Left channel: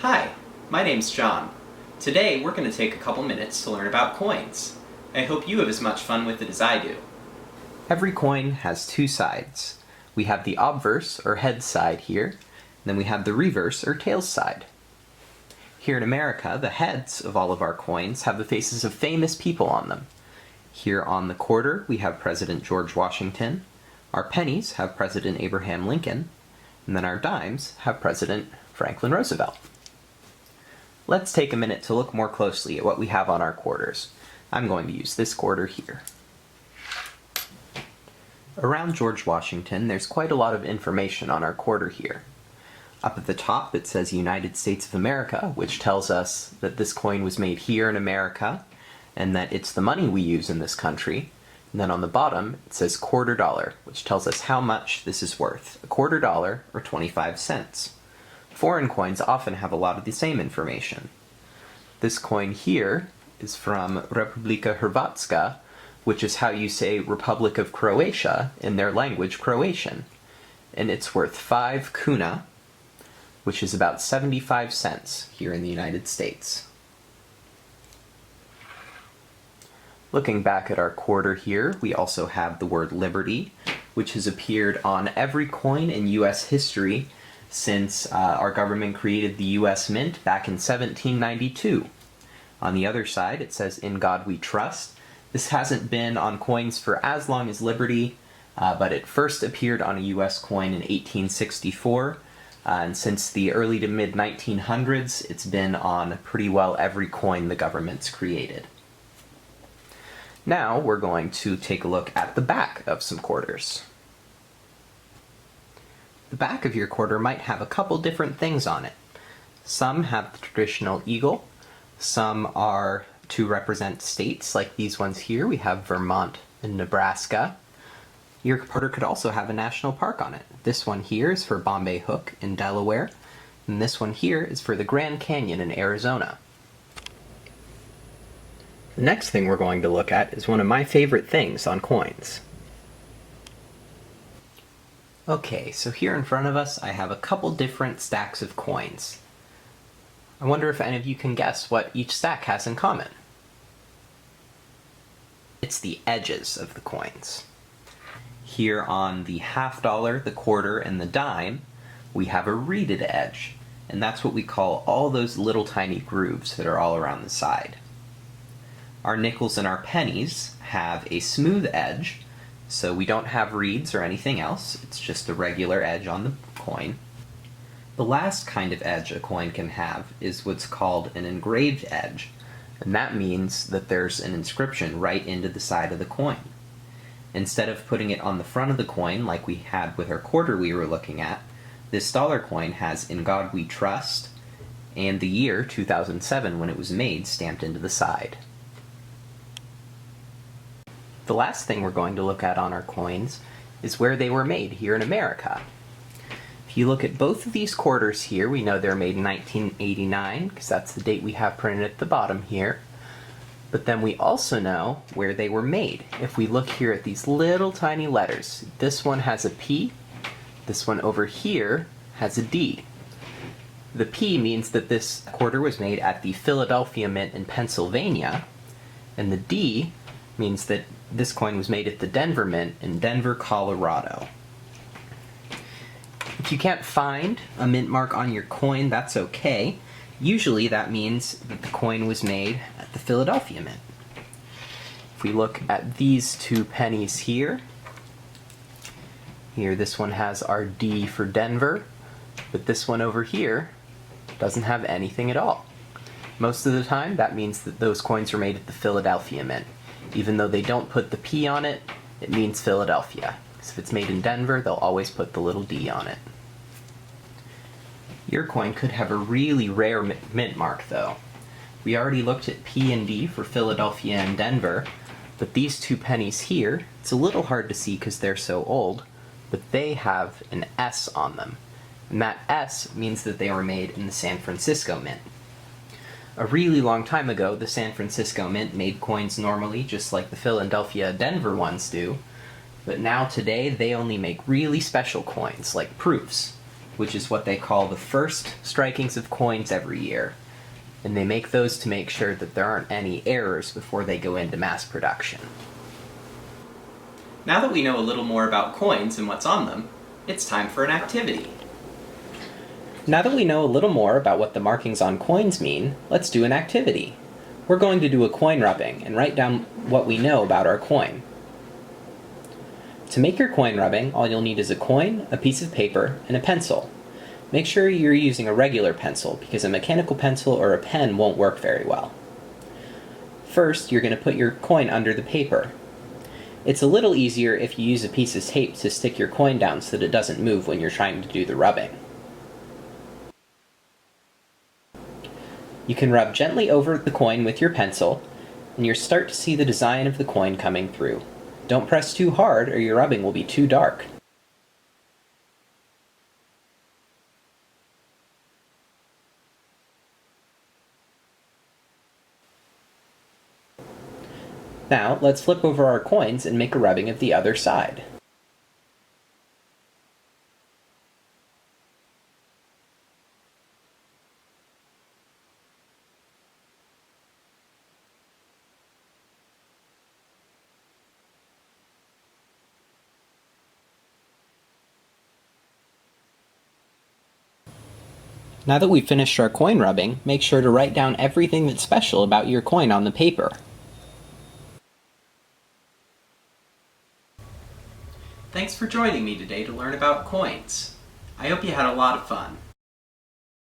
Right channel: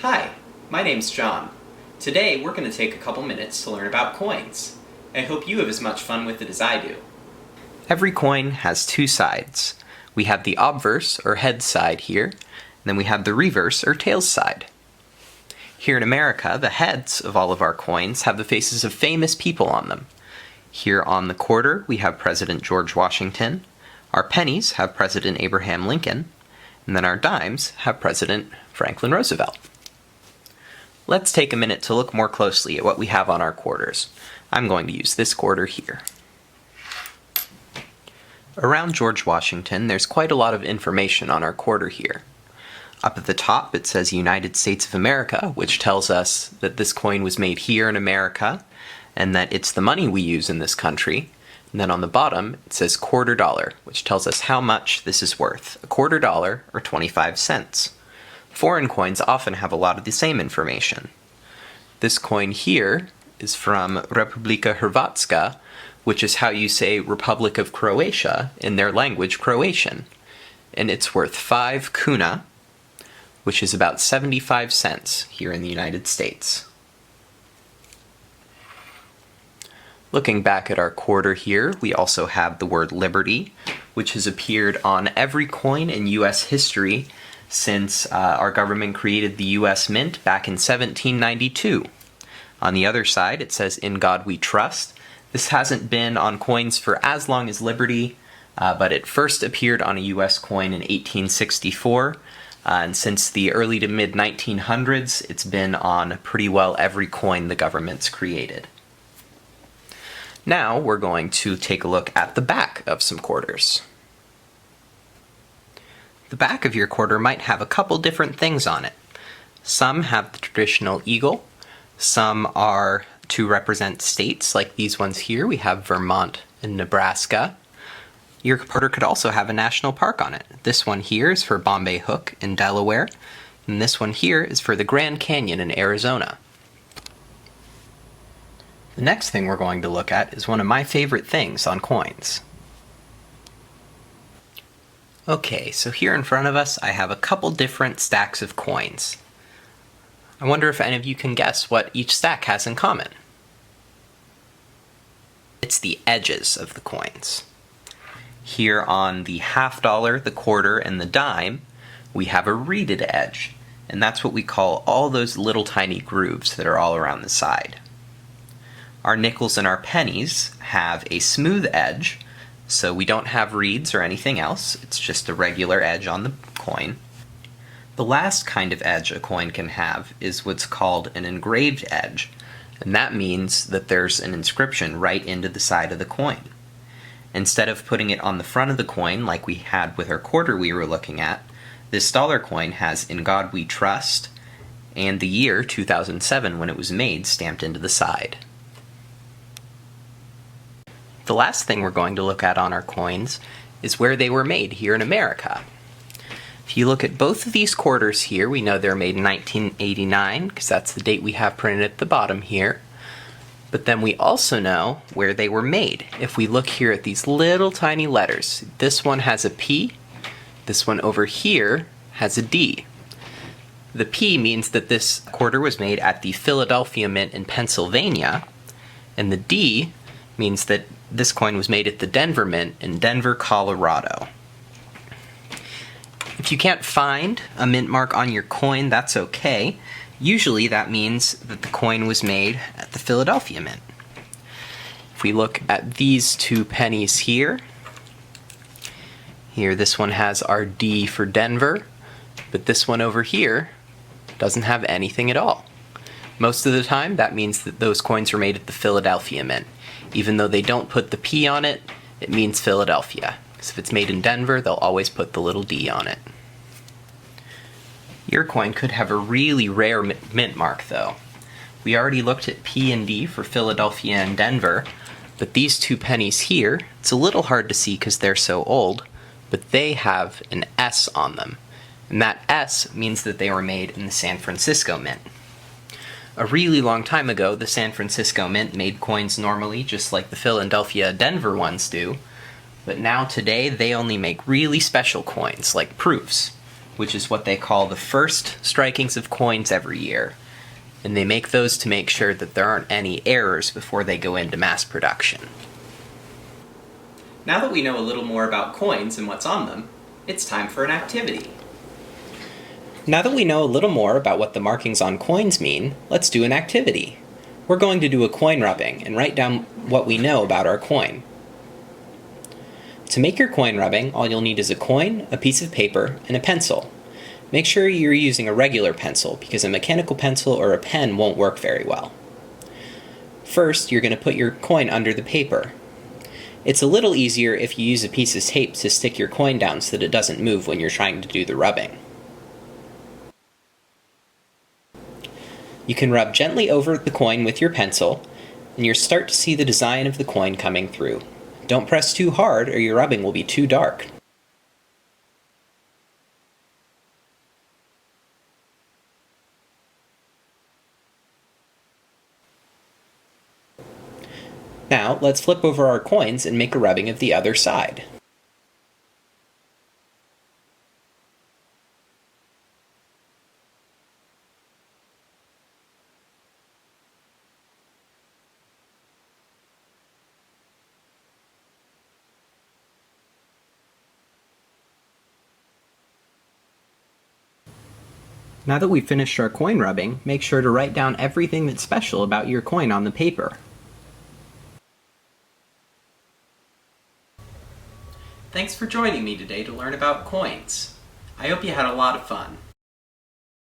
Hi, my name's John. Today we're going to take a couple minutes to learn about coins. I hope you have as much fun with it as I do. Every coin has two sides. We have the obverse, or head side here, and then we have the reverse, or tails side. Here in America, the heads of all of our coins have the faces of famous people on them. Here on the quarter, we have President George Washington. Our pennies have President Abraham Lincoln. And then our dimes have President Franklin Roosevelt. Let's take a minute to look more closely at what we have on our quarters. I'm going to use this quarter here. Around George Washington, there's quite a lot of information on our quarter here. Up at the top, it says United States of America, which tells us that this coin was made here in America, and that it's the money we use in this country. And then on the bottom, it says quarter dollar, which tells us how much this is worth. A quarter dollar, or 25 cents. Foreign coins often have a lot of the same information. This coin here is from Republika Hrvatska, which is how you say Republic of Croatia in their language, Croatian. And it's worth 5 kuna, which is about 75 cents here in the United States. Looking back at our quarter here, we also have the word liberty, which has appeared on every coin in U.S. history since our government created the U.S. Mint back in 1792. On the other side, it says, "In God We Trust." This hasn't been on coins for as long as liberty, but it first appeared on a U.S. coin in 1864, and since the early to mid-1900s, it's been on pretty well every coin the government's created. Now we're going to take a look at the back of some quarters. The back of your quarter might have a couple different things on it. Some have the traditional eagle, some are to represent states, like these ones here. We have Vermont and Nebraska. Your quarter could also have a national park on it. This one here is for Bombay Hook in Delaware, and this one here is for the Grand Canyon in Arizona. The next thing we're going to look at is one of my favorite things on coins. Okay, so here in front of us I have a couple different stacks of coins. I wonder if any of you can guess what each stack has in common. It's the edges of the coins. Here on the half dollar, the quarter, and the dime, we have a reeded edge, and that's what we call all those little tiny grooves that are all around the side. Our nickels and our pennies have a smooth edge, so we don't have reeds or anything else. It's just a regular edge on the coin. The last kind of edge a coin can have is what's called an engraved edge, and that means that there's an inscription right into the side of the coin. Instead of putting it on the front of the coin like we had with our quarter we were looking at, this dollar coin has "In God We Trust" and the year 2007 when it was made stamped into the side. The last thing we're going to look at on our coins is where they were made here in America. If you look at both of these quarters here, we know they're made in 1989, because that's the date we have printed at the bottom here. But then we also know where they were made. If we look here at these little tiny letters, this one has a P, this one over here has a D. The P means that this quarter was made at the Philadelphia Mint in Pennsylvania, and the D means that this coin was made at the Denver Mint in Denver, Colorado. If you can't find a mint mark on your coin, that's okay. Usually that means that the coin was made at the Philadelphia Mint. If we look at these two pennies here, this one has our D for Denver, but this one over here doesn't have anything at all. Most of the time, that means that those coins were made at the Philadelphia Mint. Even though they don't put the P on it, it means Philadelphia. Because if it's made in Denver, they'll always put the little D on it. Your coin could have a really rare mint mark, though. We already looked at P and D for Philadelphia and Denver, but these two pennies here, it's a little hard to see because they're so old, but they have an S on them. And that S means that they were made in the San Francisco Mint. A really long time ago, the San Francisco Mint made coins normally, just like the Philadelphia Denver ones do, but now today they only make really special coins, like proofs. which is what they call the first strikings of coins every year. And they make those to make sure that there aren't any errors before they go into mass production. Now that we know a little more about coins and what's on them, it's time for an activity. Now that we know a little more about what the markings on coins mean, let's do an activity. We're going to do a coin rubbing and write down what we know about our coin. To make your coin rubbing, all you'll need is a coin, a piece of paper, and a pencil. Make sure you're using a regular pencil because a mechanical pencil or a pen won't work very well. First, you're going to put your coin under the paper. It's a little easier if you use a piece of tape to stick your coin down so that it doesn't move when you're trying to do the rubbing. You can rub gently over the coin with your pencil, and you'll start to see the design of the coin coming through. Don't press too hard or your rubbing will be too dark. Now, let's flip over our coins and make a rubbing of the other side. Now that we've finished our coin rubbing, make sure to write down everything that's special about your coin on the paper. Thanks for joining me today to learn about coins. I hope you had a lot of fun.